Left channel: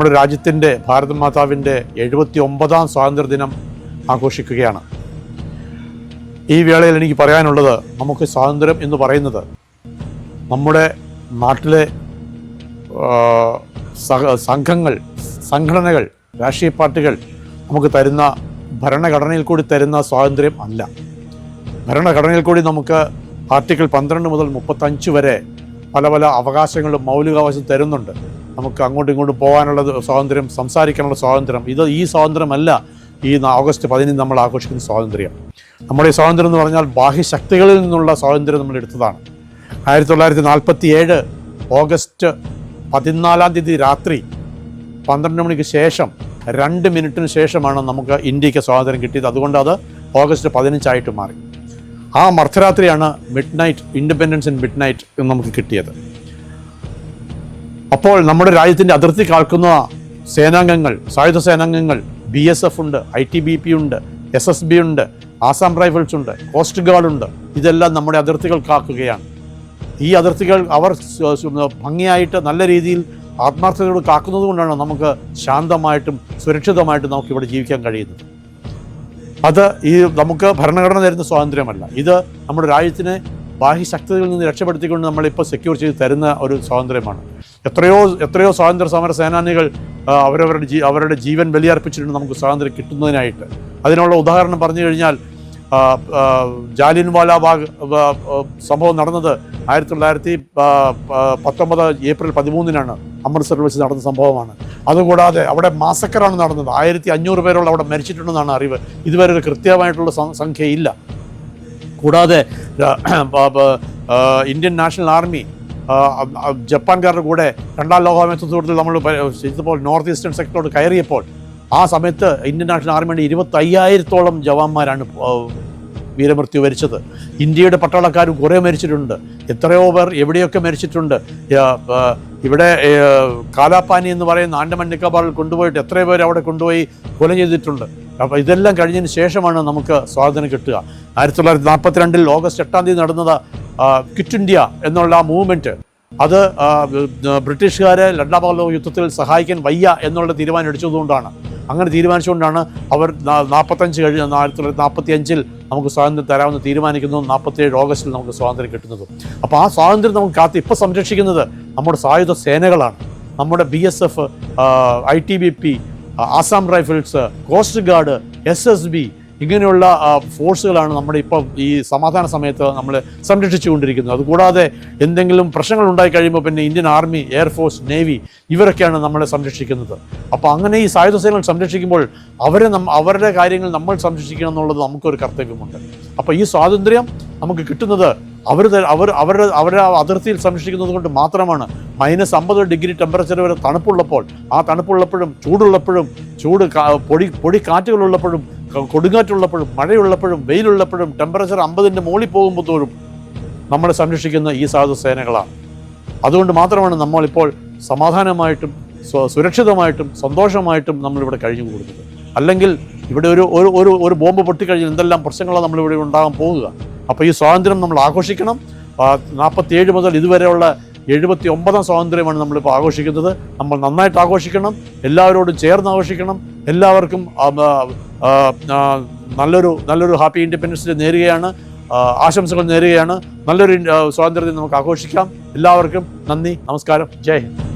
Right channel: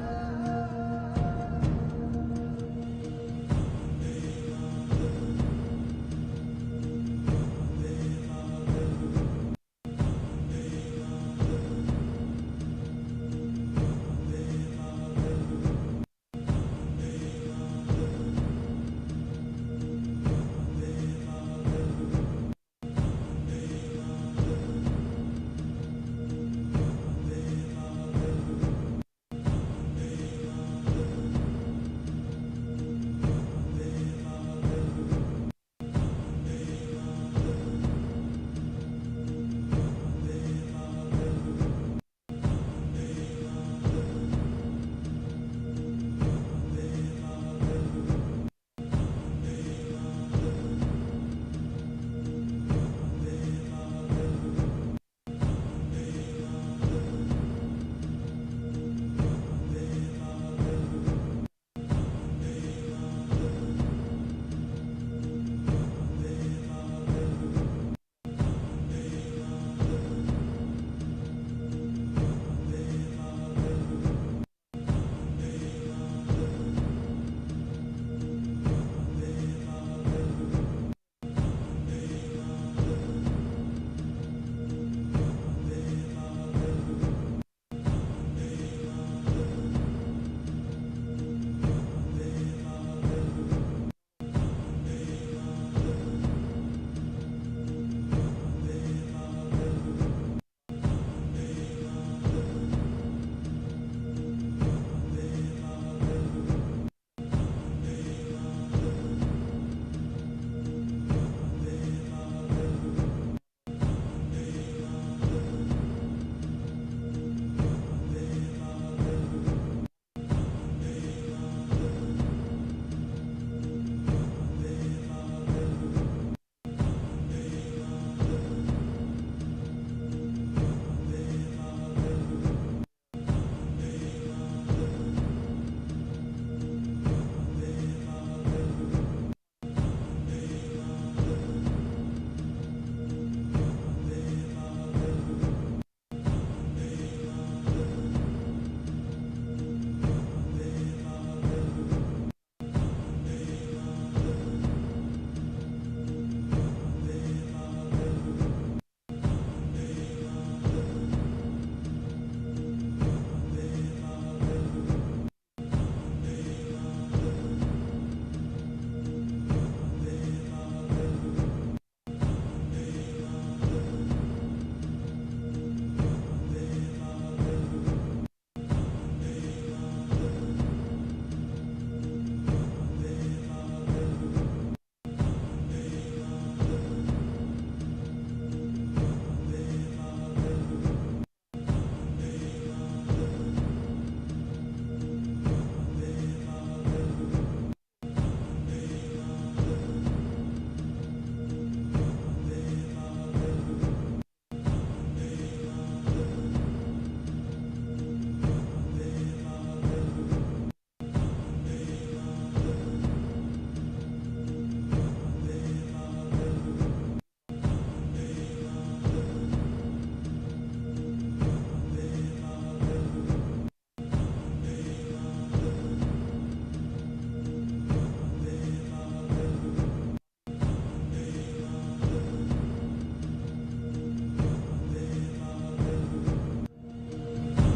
നമ്മുടെ രാജ്യത്തിൻ്റെ ഭാരത മാതാവിൻ്റെ 79ാം സ്വാതന്ത്ര്യദിനം ആഘോഷിക്കുകയാണ്. ഈ വേളയിൽ എനിക്ക് പറയാനുള്ളത്, നമുക്ക് സ്വാതന്ത്ര്യം എന്ന് പറയുന്നത് നമ്മുടെ നാട്ടിലെ സംഘടനകൾ, രാഷ്ട്രീയ പാർട്ടികൾ നമുക്ക് തരുന്ന ഭരണഘടനയിൽ കൂടി തരുന്ന സ്വാതന്ത്ര്യം അല്ല. ഭരണഘടനയിൽ കൂടി നമുക്ക് ആർട്ടിക്കിൾ 12 മുതൽ 35 വരെ പല പല അവകാശങ്ങളും മൗലികാവകാശം തരുന്നുണ്ട്. നമുക്ക് അങ്ങോട്ടും ഇങ്ങോട്ടും പോകാനുള്ള സ്വാതന്ത്ര്യം, സംസാരിക്കാനുള്ള സ്വാതന്ത്ര്യം. ഈ സ്വാതന്ത്ര്യമല്ല ഈ ഓഗസ്റ്റ് 15 നമ്മൾ ആഘോഷിക്കുന്ന സ്വാതന്ത്ര്യം. നമ്മുടെ ഈ സ്വാതന്ത്ര്യം എന്ന് പറഞ്ഞാൽ ബാഹ്യശക്തികളിൽ നിന്നുള്ള സ്വാതന്ത്ര്യം നമ്മൾ എടുത്തതാണ്. 1947 ഓഗസ്റ്റ് 14 രാത്രി 12 മണിക്ക് ശേഷം 2 മിനിറ്റിന് ശേഷമാണ് നമുക്ക് ഇന്ത്യക്ക് സ്വാതന്ത്ര്യം കിട്ടിയത്. അതുകൊണ്ട് അത് ഓഗസ്റ്റ് 15 മാറി. ആ മർദ്ധരാത്രിയാണ് ഇൻഡിപെൻഡൻസ് ഇൻ മിഡ് നൈറ്റ് എന്ന് നമുക്ക് കിട്ടിയത്. അപ്പോൾ നമ്മുടെ രാജ്യത്തിൻ്റെ അതിർത്തി കാക്കുന്ന സേനാംഗങ്ങൾ, സായുധ സേനാംഗങ്ങൾ, BSF ഉണ്ട്, ITBP ഉണ്ട്, SSB ഉണ്ട്, ആസാം റൈഫിൾസ് ഉണ്ട്, കോസ്റ്റ് ഗാർഡ് ഉണ്ട്. ഇതെല്ലാം നമ്മുടെ അതിർത്തികൾ കാക്കുകയാണ്. ഈ അതിർത്തികൾ അവർ ഭംഗിയായിട്ട് നല്ല രീതിയിൽ ആത്മാർത്ഥതയോട് കാക്കുന്നത് കൊണ്ടാണ് നമുക്ക് ശാന്തമായിട്ടും സുരക്ഷിതമായിട്ടും നമുക്കിവിടെ ജീവിക്കാൻ കഴിയുന്നത്. അത് നമുക്ക് ഭരണഘടന തരുന്ന സ്വാതന്ത്ര്യമല്ല. ഇത് നമ്മുടെ രാജ്യത്തിനെ ബാഹ്യശക്തികളിൽ നിന്ന് രക്ഷപ്പെടുത്തിക്കൊണ്ട് നമ്മളിപ്പോൾ സെക്യൂർ ചെയ്ത് തരുന്ന ഒരു സ്വാതന്ത്ര്യമാണ്. എത്രയോ സ്വാതന്ത്ര്യ സമര സേനാനികൾ അവരുടെ ജീവൻ ബലിയർപ്പിച്ചിട്ടുണ്ട് നമുക്ക് സ്വാതന്ത്ര്യം കിട്ടുന്നതിനായിട്ട്. അതിനുള്ള ഉദാഹരണം പറഞ്ഞു കഴിഞ്ഞാൽ, ജാലിയൻവാലാ ബാഗ് സംഭവം നടന്നത് 1919 ഏപ്രിൽ 13 അമൃത്സറിൽ വെച്ച് നടന്ന സംഭവമാണ്. അതുകൂടാതെ അവിടെ മാസക്കറാണ് നടന്നത്. 1500 പേരോളം അവിടെ മരിച്ചിട്ടുണ്ടെന്നാണ് അറിവ്. ഇതുവരെ ഒരു കൃത്യമായിട്ടുള്ള സംഖ്യയില്ല. കൂടാതെ ഇന്ത്യൻ നാഷണൽ ആർമി ജപ്പാൻകാരുടെ കൂടെ 2ാം ലോകമഹായുദ്ധത്തിൽ നമ്മൾ ചെയ്തപ്പോൾ നോർത്ത് ഈസ്റ്റേൺ സെക്ടറോട് കയറിയപ്പോൾ ആ സമയത്ത് ഇന്ത്യൻ നാഷണൽ ആർമിയുടെ 25,000-ഓളം ജവാന്മാരാണ് വീരമൃത്യു വരിച്ചത്. ഇന്ത്യയുടെ പട്ടാളക്കാരും കുറേ മരിച്ചിട്ടുണ്ട്. എത്രയോ പേർ എവിടെയൊക്കെ മരിച്ചിട്ടുണ്ട്. ഇവിടെ കാലാപാനി എന്ന് പറയുന്ന ആൻഡമാൻ നിക്കോബാറിൽ കൊണ്ടുപോയിട്ട് എത്രയോ പേർ അവിടെ കൊണ്ടുപോയി കൊല ചെയ്തിട്ടുണ്ട്. അപ്പോൾ ഇതെല്ലാം കഴിഞ്ഞതിന് ശേഷമാണ് നമുക്ക് സ്വാതന്ത്ര്യം കിട്ടുക. 1942 ഓഗസ്റ്റ് 8 നടന്നത് ക്വിറ്റ് ഇന്ത്യ എന്നുള്ള ആ മൂവ്മെൻറ്റ്, അത് ബ്രിട്ടീഷുകാരെ 2ാം ലോക യുദ്ധത്തിൽ സഹായിക്കാൻ വയ്യ എന്നുള്ള തീരുമാനം എടുത്തതുകൊണ്ടാണ്. അങ്ങനെ തീരുമാനിച്ചുകൊണ്ടാണ് അവർ 1945 നമുക്ക് സ്വാതന്ത്ര്യം തരാമെന്ന് തീരുമാനിക്കുന്നതും 47 ഓഗസ്റ്റിൽ നമുക്ക് സ്വാതന്ത്ര്യം കിട്ടുന്നതും. അപ്പോൾ ആ സ്വാതന്ത്ര്യം നമുക്ക് ഇപ്പോൾ സംരക്ഷിക്കുന്നത് നമ്മുടെ സായുധ സേനകളാണ്. നമ്മുടെ BSF, ITBP, Assam rifles, coast guard, SSB ഇങ്ങനെയുള്ള ഫോഴ്സുകളാണ് നമ്മുടെ ഇപ്പോൾ ഈ സമാധാന സമയത്ത് നമ്മൾ സംരക്ഷിച്ചുകൊണ്ടിരിക്കുന്നത്. അതുകൂടാതെ എന്തെങ്കിലും പ്രശ്നങ്ങൾ ഉണ്ടായി കഴിയുമ്പോൾ പിന്നെ ഇന്ത്യൻ ആർമി, എയർഫോഴ്സ്, നേവി ഇവരൊക്കെയാണ് നമ്മളെ സംരക്ഷിക്കുന്നത്. അപ്പോൾ അങ്ങനെ ഈ സായുധ സേനകൾ സംരക്ഷിക്കുമ്പോൾ അവരുടെ കാര്യങ്ങൾ നമ്മൾ സംരക്ഷിക്കണം എന്നുള്ളത് നമുക്കൊരു കർത്തവ്യമുണ്ട്. അപ്പോൾ ഈ സ്വാതന്ത്ര്യം നമുക്ക് കിട്ടുന്നത് അവരുടെ അതിർത്തിയിൽ സംരക്ഷിക്കുന്നത് കൊണ്ട് മാത്രമാണ്. -50 ഡിഗ്രി ടെമ്പറേച്ചർ വരെ തണുപ്പുള്ളപ്പോൾ, ആ തണുപ്പുള്ളപ്പോഴും ചൂടുള്ളപ്പോഴും, പൊടി കാറ്റുകളുള്ളപ്പോഴും, കൊടുങ്കാറ്റുള്ളപ്പോഴും, മഴയുള്ളപ്പോഴും, വെയിലുള്ളപ്പോഴും, ടെമ്പറേച്ചർ 50ൻ്റെ മുകളിൽ പോകുമ്പോൾ തോറും നമ്മളെ സംരക്ഷിക്കുന്ന ഈ സായുധ സേനകളാണ്. അതുകൊണ്ട് മാത്രമാണ് നമ്മളിപ്പോൾ സമാധാനമായിട്ടും സുരക്ഷിതമായിട്ടും സന്തോഷമായിട്ടും നമ്മളിവിടെ കഴിഞ്ഞു കൂടുന്നത്. അല്ലെങ്കിൽ ഇവിടെ ഒരു ബോംബ് പൊട്ടിക്കഴിഞ്ഞാൽ എന്തെല്ലാം പ്രശ്നങ്ങളാണ് നമ്മളിവിടെ ഉണ്ടാകാൻ പോകുക. അപ്പോൾ ഈ സ്വാതന്ത്ര്യം നമ്മൾ ആഘോഷിക്കണം. 47 മുതൽ ഇതുവരെയുള്ള 79ാം സ്വാതന്ത്ര്യമാണ് നമ്മളിപ്പോൾ ആഘോഷിക്കുന്നത്. നമ്മൾ നന്നായിട്ട് ആഘോഷിക്കണം, എല്ലാവരോടും ചേർന്ന് ആഘോഷിക്കണം. എല്ലാവർക്കും നല്ലൊരു ഹാപ്പി ഇൻഡിപെൻഡൻസ് ഡേ നേരുകയാണ്, ആശംസകൾ നേരുകയാണ്. നല്ലൊരു സ്വാതന്ത്ര്യം നമുക്ക് ആഘോഷിക്കാം. എല്ലാവർക്കും നന്ദി, നമസ്കാരം, ജയ് ഹിന്ദ്.